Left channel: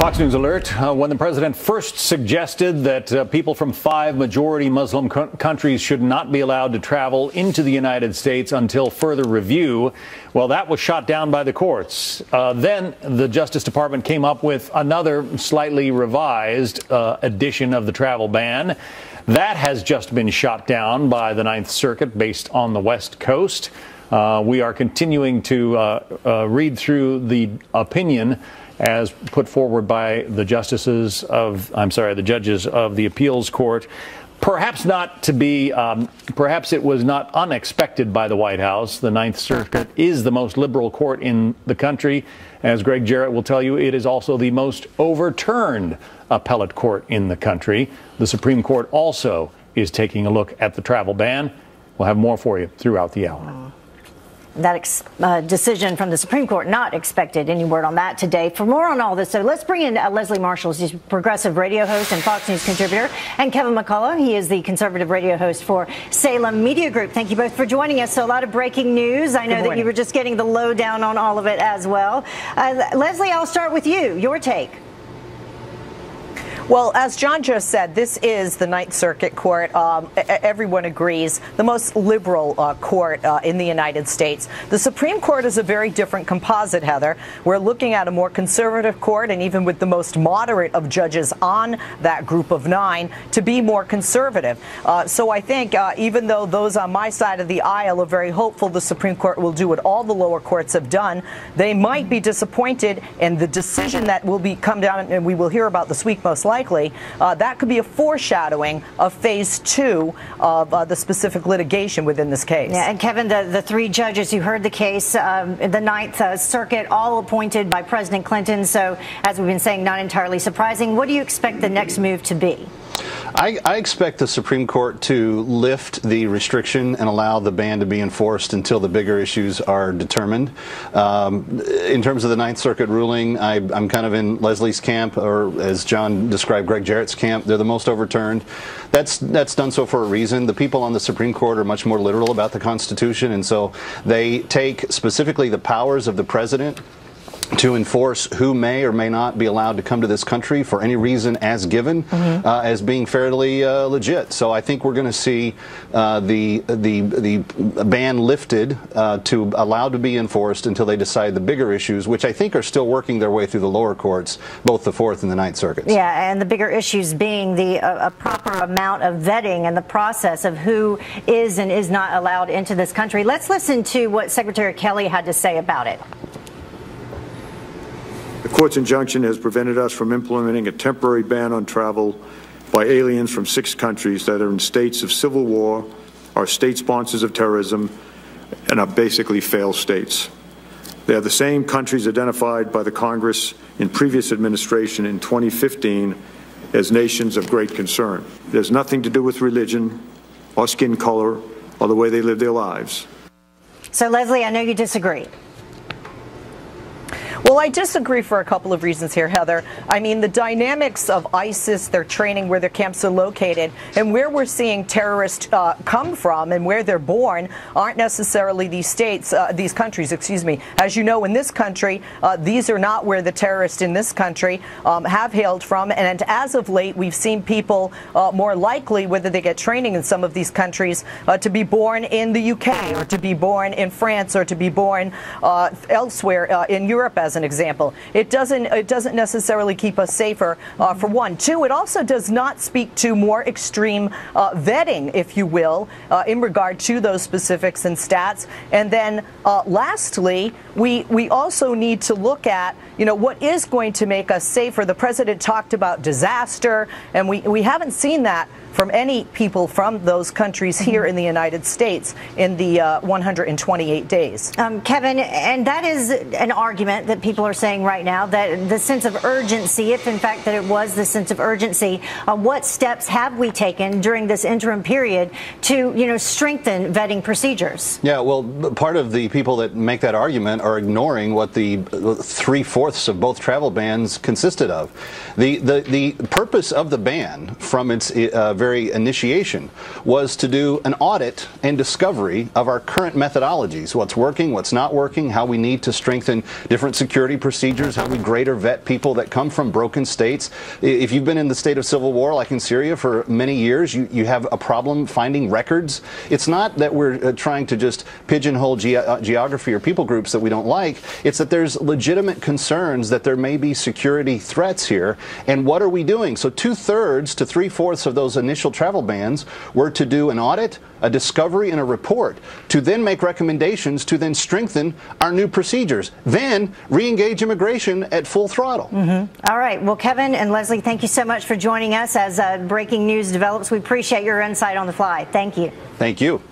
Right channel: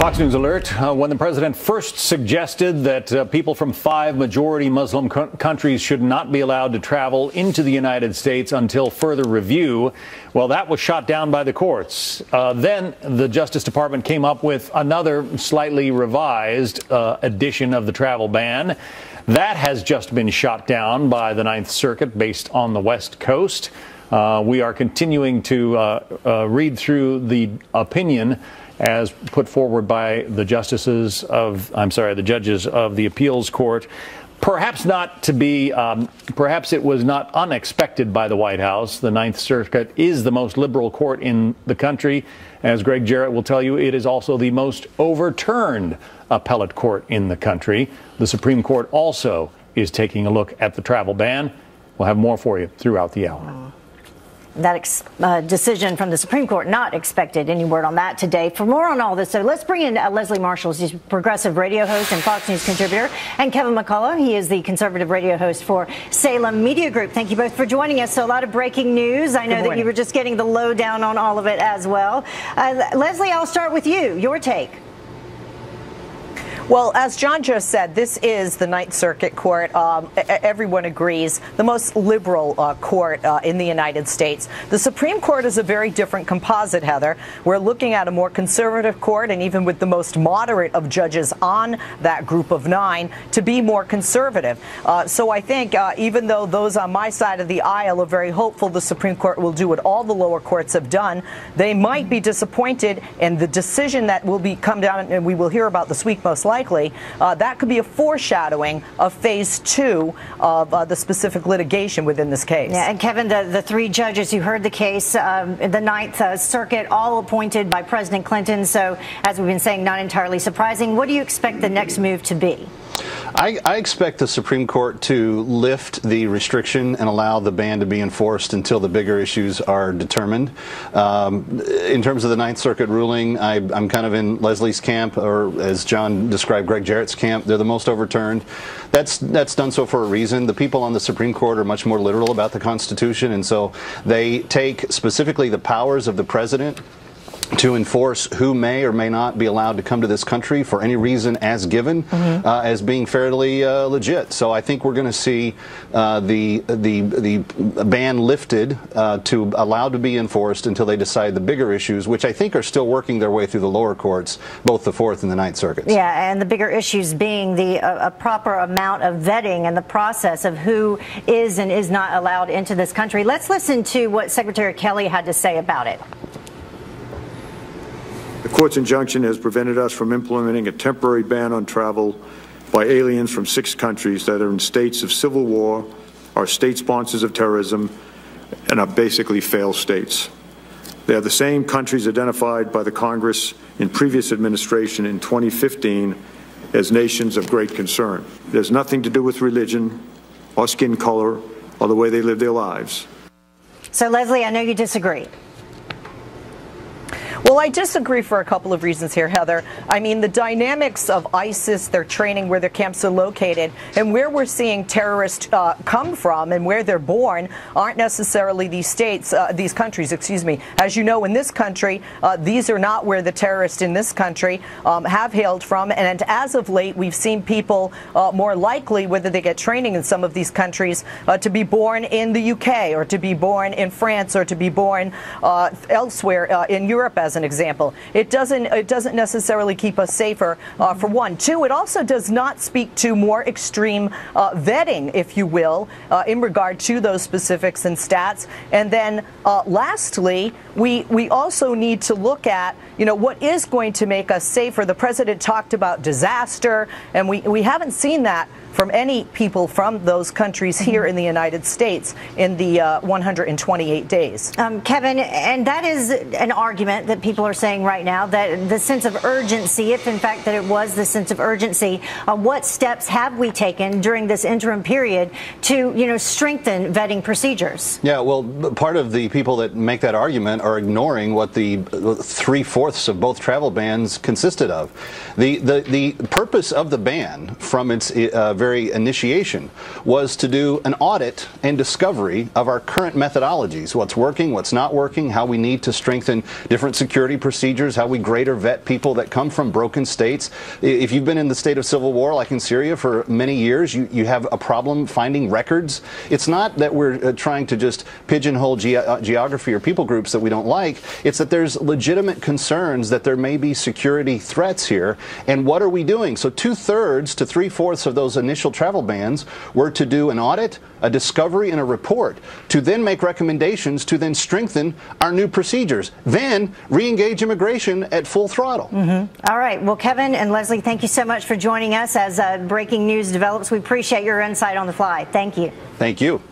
Fox News alert. When the president first suggested that people from 5 majority Muslim countries should not be allowed to travel into the United States until further review, well, that was shot down by the courts. Then the Justice Department came up with another slightly revised edition of the travel ban. That has just been shot down by the Ninth Circuit based on the West Coast. We are continuing to read through the opinion as put forward by the judges of the appeals court. Perhaps not to be, perhaps it was not unexpected by the White House. The Ninth Circuit is the most liberal court in the country. As Greg Jarrett will tell you, it is also the most overturned appellate court in the country. The Supreme Court also is taking a look at the travel ban. We'll have more for you throughout the hour. That decision from the Supreme Court, not expected. Any word on that today? For more on all this, so let's bring in Leslie Marshall. He's a progressive radio host and Fox News contributor, and Kevin McCullough. He is the conservative radio host for Salem Media Group. Thank you both for joining us. So a lot of breaking news. I know that you were just getting the lowdown on all of it as well. Leslie, I'll start with you. Your take. Well, as John just said, this is the Ninth Circuit Court. Everyone agrees, the most liberal court in the United States. The Supreme Court is a very different composite, Heather. We're looking at a more conservative court, and even with the most moderate of judges on that group of 9, to be more conservative. So I think even though those on my side of the aisle are very hopeful the Supreme Court will do what all the lower courts have done, they might be disappointed in the decision that will come down, and we will hear about this week most likely. That could be a foreshadowing of phase 2 of the specific litigation within this case. Yeah, and Kevin, the 3 judges who heard the case, the Ninth Circuit, all appointed by President Clinton. So, as we've been saying, not entirely surprising. What do you expect the next move to be? I expect the Supreme Court to lift the restriction and allow the ban to be enforced until the bigger issues are determined. In terms of the Ninth Circuit ruling, I'm kind of in Leslie's camp, or as John described, Greg Jarrett's camp. They're the most overturned. That's done so for a reason. The people on the Supreme Court are much more literal about the Constitution, and so they take specifically the powers of the president to enforce who may or may not be allowed to come to this country for any reason as given, as being fairly legit. So I think we're going to see the ban lifted to allow to be enforced until they decide the bigger issues, which I think are still working their way through the lower courts, both the Fourth and the Ninth Circuits. Yeah, and the bigger issues being the proper amount of vetting and the process of who is and is not allowed into this country. Let's listen to what Secretary Kelly had to say about it. The court's injunction has prevented us from implementing a temporary ban on travel by aliens from 6 countries that are in states of civil war, are state sponsors of terrorism, and are basically failed states. They are the same countries identified by the Congress in previous administration in 2015 as nations of great concern. There's nothing to do with religion or skin color or the way they live their lives. So, Leslie, I know you disagree. Well, I disagree for a couple of reasons here, Heather. I mean, the dynamics of ISIS, their training, where their camps are located, and where we're seeing terrorists come from and where they're born aren't necessarily these states, these countries, excuse me. As you know, in this country, these are not where the terrorists in this country have hailed from. And as of late, we've seen people more likely, whether they get training in some of these countries, to be born in the UK or to be born in France or to be born elsewhere in Europe, as an example. It doesn't necessarily keep us safer, for one. 2, it also does not speak to more extreme vetting, if you will, in regard to those specifics and stats. And then lastly, we also need to look at, you know, what is going to make us safer. The president talked about disaster, and we haven't seen that from any people from those countries here in the United States in the 128 days. Kevin, and that is an argument that people are saying right now, that the sense of urgency, if in fact that it was the sense of urgency, what steps have we taken during this interim period to, you know, strengthen vetting procedures? Yeah, well, part of the people that make that argument are ignoring what the 3/4 of both travel bans consisted of. The purpose of the ban from its very initiation was to do an audit and discovery of our current methodologies, what's working, what's not working, how we need to strengthen different security procedures, how we grade or vet people that come from broken states. If you've been in the state of civil war, like in Syria, for many years, you have a problem finding records. It's not that we're trying to just pigeonhole geography or people groups that we don't like. It's that there's legitimate concerns that there may be security threats here. And what are we doing? So 2/3 to 3/4 of those initial travel bans were to do an audit, a discovery, and a report, to then make recommendations to then strengthen our new procedures, then re-engage immigration at full throttle. All right. Well, Kevin and Leslie, thank you so much for joining us as breaking news develops. We appreciate your insight on the fly. Thank you. Thank you.